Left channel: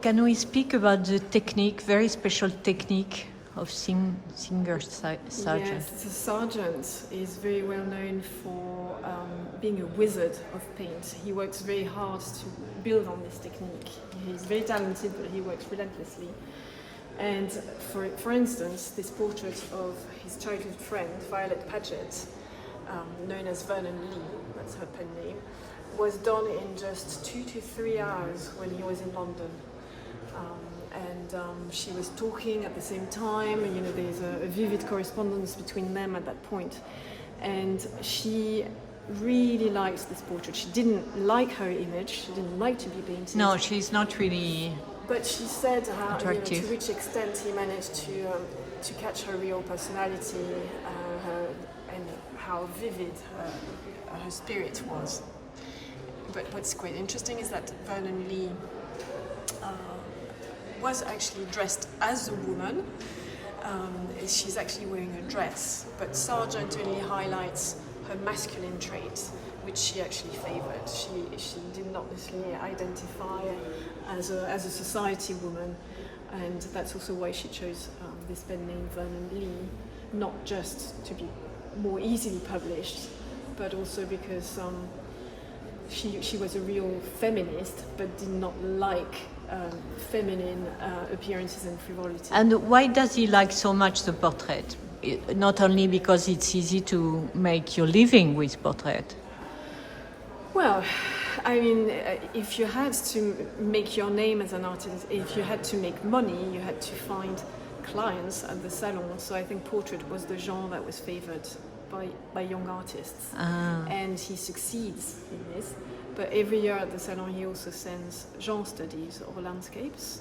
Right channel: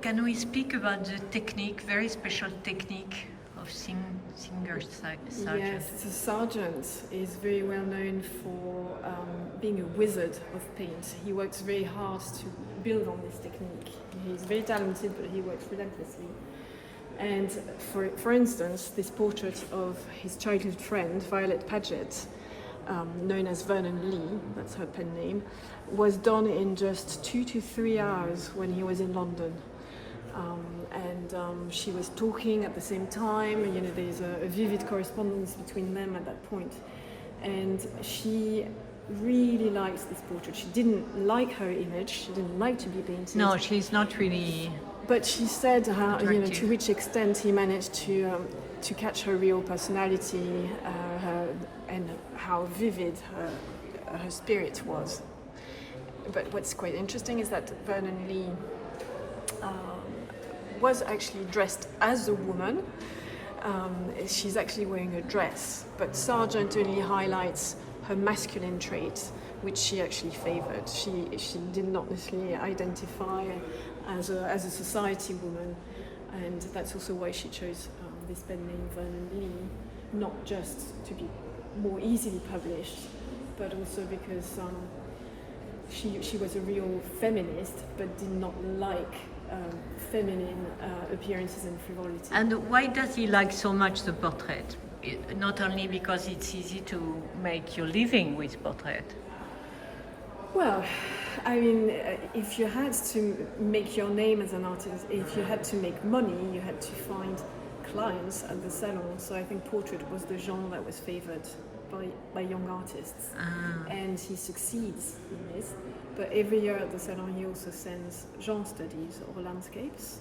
Can we speak about the technique, very special technique of Singer Sargent? Yes, so Sargent is very well known for being a wizard of paint. He works very hard to build on this technique. He's very talented, but he works relentlessly. And for instance, this portrait of his childhood friend, Violet Paget, known as Vernon Lee, that's her pen name, was done in just 2 to 3 hours when he was in London. She was talking at the same time, you know, there's a vivid correspondence between them at that point. And she really likes this portrait. She didn't like her image, she didn't like to be painted. No, she's not really. But she said to which extent he managed to catch her real personality and how vivid her spirit was. But what's quite interesting is that Vernon Lee was actually dressed as a woman. She's actually wearing a dress, but Sargent only highlights her masculine traits, which she actually favoured. She did not necessarily identify as a society woman, and that's also why she chose this pen name Vernon Lee, not just to be more easily published, but also because she was a real feminist, but did not like feminine appearances and frivolity. And why does he like so much the portrait? Not only because it's easy to make your living with portrait. Well, I mean, if you had to make your name as an artist, if you had to make money, you had to find clients at the salon. So I think portrait was the genre that was favoured by young artists. And he succeeds in this. But every year at the salon, he also sends genre studies or landscapes.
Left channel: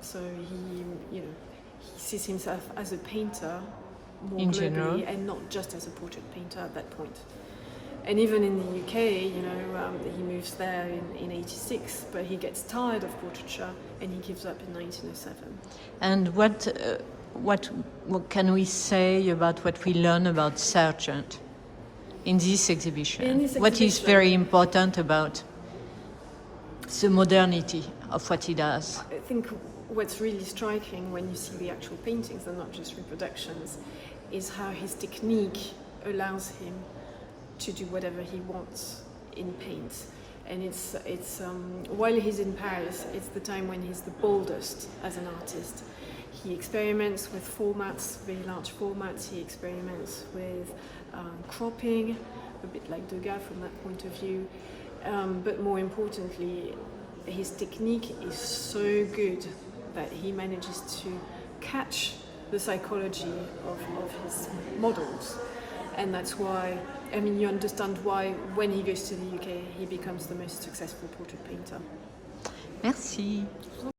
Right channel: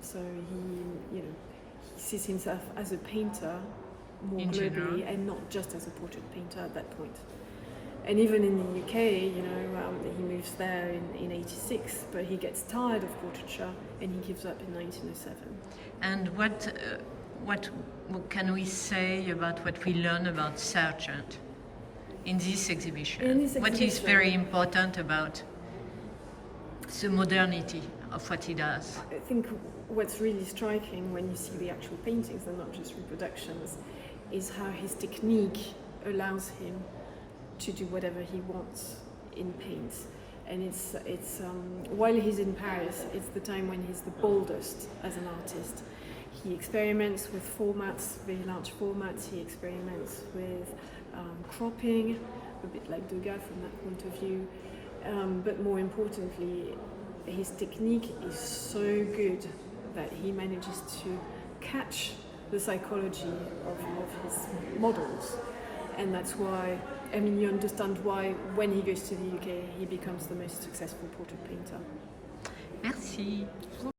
So he sees himself as a painter more in globally, general, and not just as a portrait painter at that point. And even in the UK, he moves there in 86, but he gets tired of portraiture and he gives up in 1907. And what can we say about what we learn about Sargent in this exhibition? What is very important about the modernity of what he does? I think what's really striking when you see the actual paintings, and not just reproductions, is how his technique allows him to do whatever he wants in paint. And it's while he's in Paris, it's the time when he's the boldest as an artist. He experiments with formats, very large formats. He experiments with cropping, a bit like Degas from that point of view. But more importantly, his technique is so good that he manages to catch the psychology of his models. And that's why, I mean, you understand why when he goes to the UK, he becomes the most successful portrait painter. Merci.